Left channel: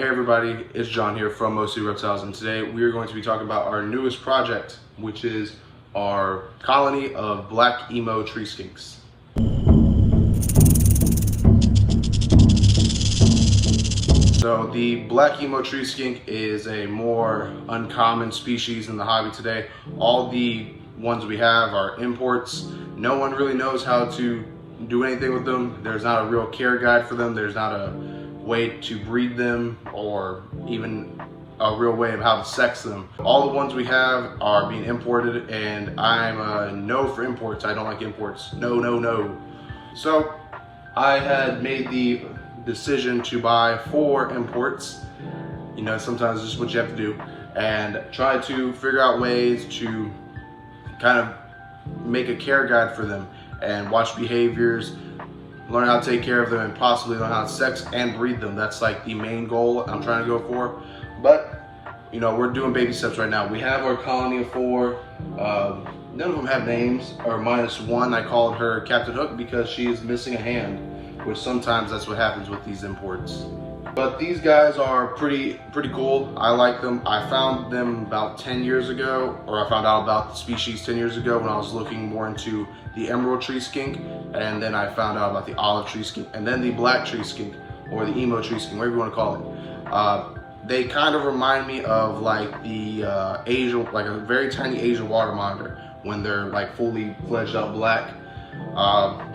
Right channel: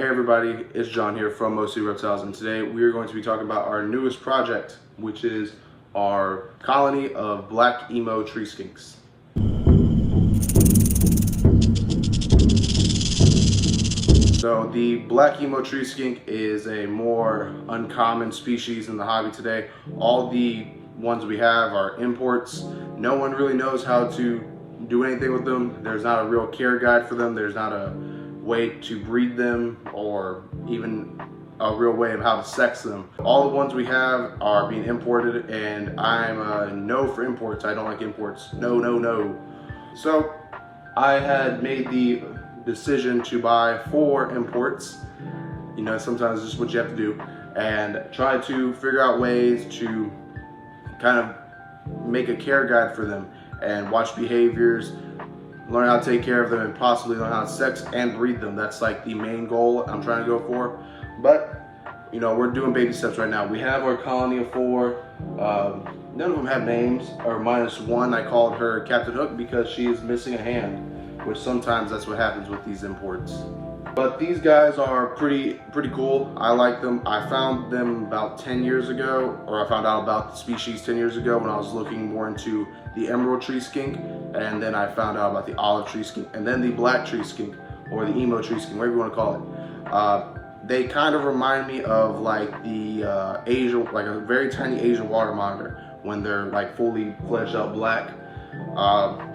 Hey everybody, it's John here from Mostly Reptiles, and today we are going to be talking about our newest project, which is our colony of black emo tree skinks. So the black emo tree skink is a more uncommon species in the hobby today. All the ones we have are imports. No one really knows how to do anything with them. There's not a real care guide for them. There's not a way to breed them or even a real way of how to sex them. All the ones we have are being imported, and I'm a no for imports. I don't like imports. No, no, no. So I had made the decision to buy 4 imports. You know, sometimes this is what you have to do, and try to figure out ways to kind of make a care guide for them and watch behaviors, learn how to take care of them, and possibly learn how to sex and breed them. That's like the main goal I'm trying to go for. But you know, we're doing baby steps right now. We have our colony of 4. None of them have names, or minus one. I called her Captain Hook because she is missing a hand, which sometimes that's what happens with these imports. But these guys are pretty cool. I like them. I found them about 10 years ago, or I found out about the species 10 years ago when I was looking more into the emerald tree skink, and then I found out about the olive tree skink, and then the black tree skink, or the emo tree skink, whatever you want to call it. They kind of remind me of like the Asian, like a very tiny Asian water monitor when they're like fully fledged out black.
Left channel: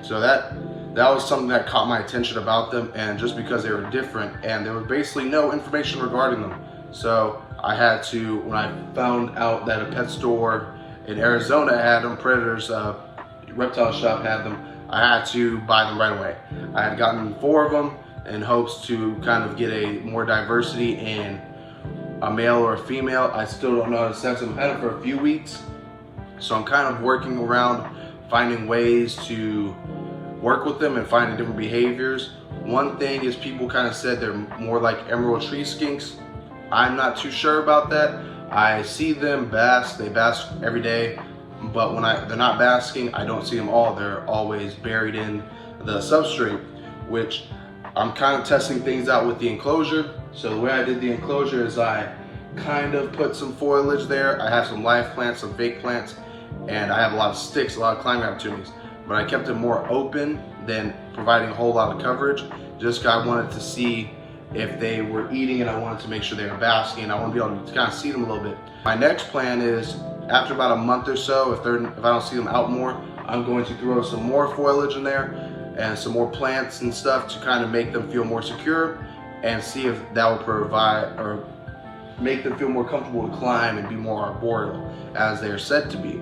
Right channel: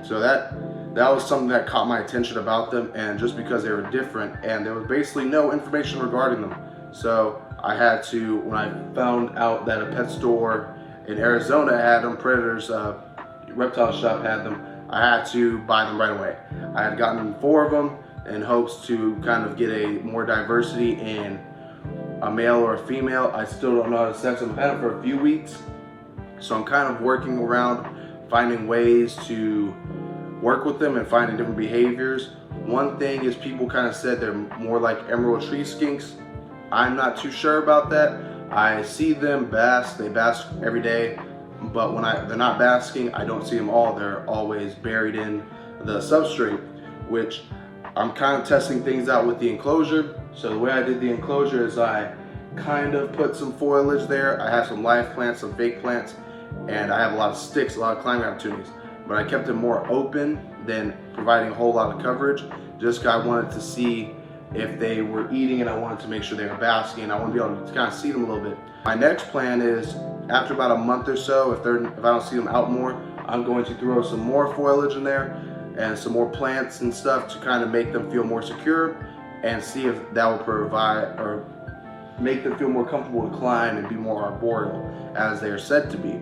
So that was something that caught my attention about them, and just because they were different and there was basically no information regarding them. So I had to, when I found out that a pet store in Arizona had them, Predator's reptile shop had them, I had to buy them right away. I had gotten 4 of them in hopes to kind of get a more diversity in a male or a female. I still don't know how to sex them. I've had them for a few weeks, so I'm kind of working around finding ways to work with them and finding different behaviors. One thing is, people kind of said they're more like emerald tree skinks. I'm not too sure about that. I see them bask, they bask every day, but when they're not basking, I don't see them all. They're always buried in the substrate, which I'm kind of testing things out with the enclosure. So the way I did the enclosure is I kind of put some foliage there. I have some live plants, some fake plants, and I have a lot of sticks, a lot of climbing opportunities. But I kept it more open than providing a whole lot of coverage. Just 'cause I wanted to see if they were eating, and I wanted to make sure they were basking. I want to be able to kind of see them a little bit. My next plan is, after about a month or so, if I don't see them out more, I'm going to throw some more foliage in there and some more plants and stuff to kind of make them feel more secure, and see if that will provide or make them feel more comfortable to climb and be more arboreal as they are said to be.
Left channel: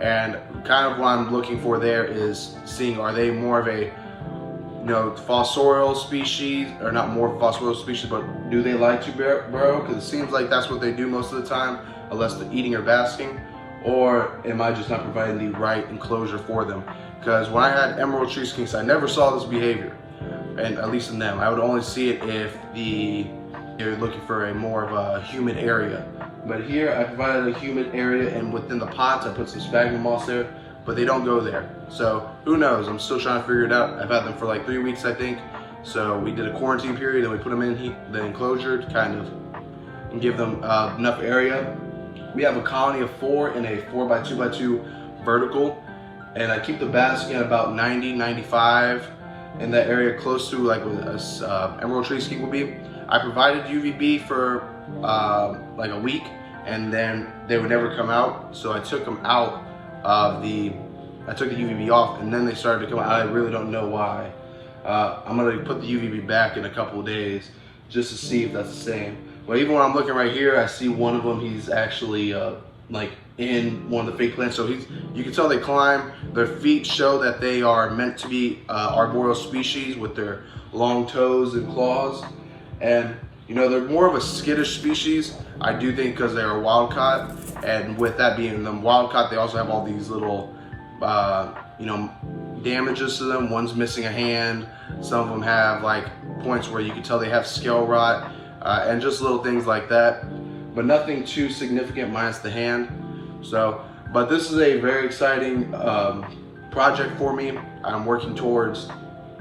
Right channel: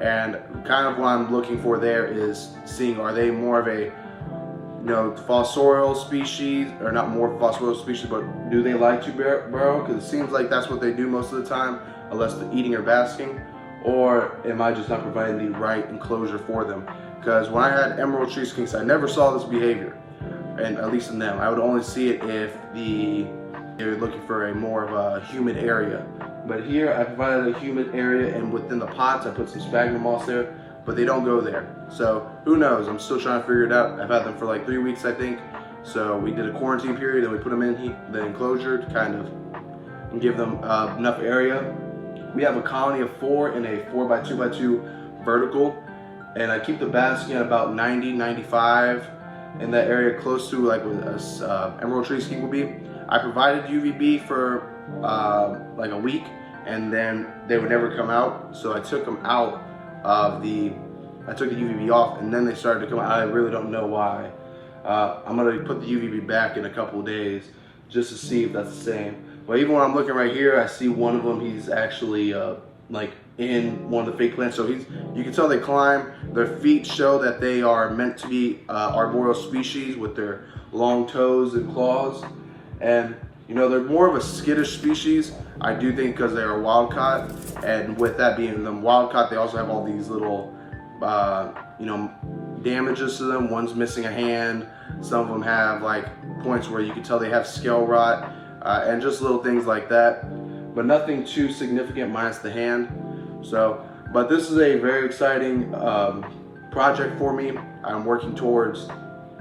And kind of what I'm looking for there is seeing, are they more of a, you know, fossorial species, or not more fossorial species, but do they like to burrow? Because it seems like that's what they do most of the time, unless they're eating or basking. Or am I just not providing the right enclosure for them? Because when I had emerald tree skinks, I never saw this behavior, and at least in them. I would only see it if they're looking for a more of a humid area. But here I provided a humid area, and within the pots I put some sphagnum moss there, but they don't go there. So who knows? I'm still trying to figure it out. I've had them for like 3 weeks, I think. So we did a quarantine period, and we put them in the enclosure to kind of give them enough area. We have a colony of 4 in a 4x2x2 vertical, and I keep the basking at about 90, 95 in that area, close to like what a emerald tree skink would be. I provided UVB for like a week, and then they would never come out, so I took them out of I took the UVB off, and then they started to come out. I really don't know why. I'm gonna put the UVB back in a couple of days just to see if that's the same. But even when I'm looking right here, I see one of them, he's actually like in one of the fake plants. So you can tell they climb. Their feet show that they are meant to be arboreal species with their long toes and claws. And you know, they're more of a skittish species, I do think, because they're a wild caught. And with that being them wild caught, they also have all these little you know, damages to them. One's missing a hand. Some of them have like points where you can tell they have scale rot, and just little things like that, but nothing too significant minus the hand. So, but this is a very exciting project for me. I'm working towards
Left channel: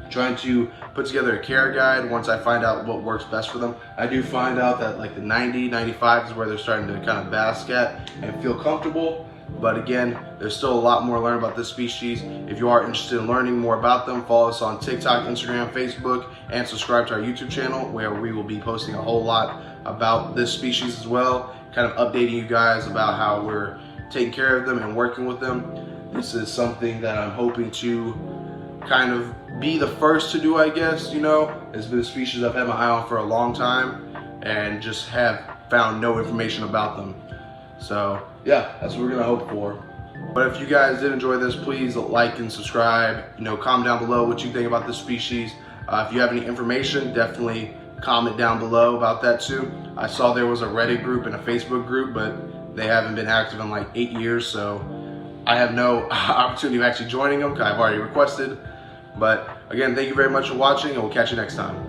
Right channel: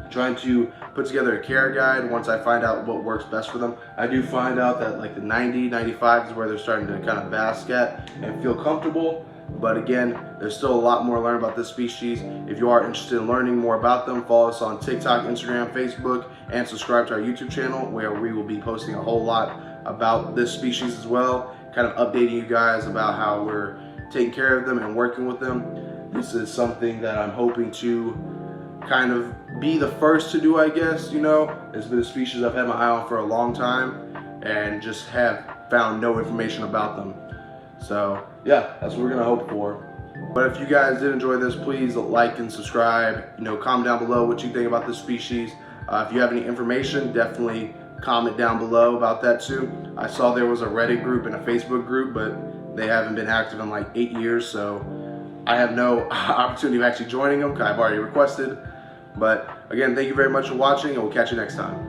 trying to put together a care guide once I find out what works best for them. I do find out that like the 90, 95 is where they're starting to kind of bask at and feel comfortable. But again, there's still a lot more to learn about this species. If you are interested in learning more about them, follow us on TikTok, Instagram, Facebook, and subscribe to our YouTube channel, where we will be posting a whole lot about this species as well, kind of updating you guys about how we're taking care of them and working with them. This is something that I'm hoping to kind of be the first to do, I guess. You know, it's been a species I've had my eye on for a long time and just have found no information about them. So yeah, that's what we're gonna hope for. But if you guys did enjoy this, please like and subscribe. You know, comment down below what you think about this species. If you have any information, definitely comment down below about that too. I saw there was a Reddit group and a Facebook group, but they haven't been active in like 8 years, so I have no opportunity of actually joining them because I've already requested. But again, thank you very much for watching, and we'll catch you next time.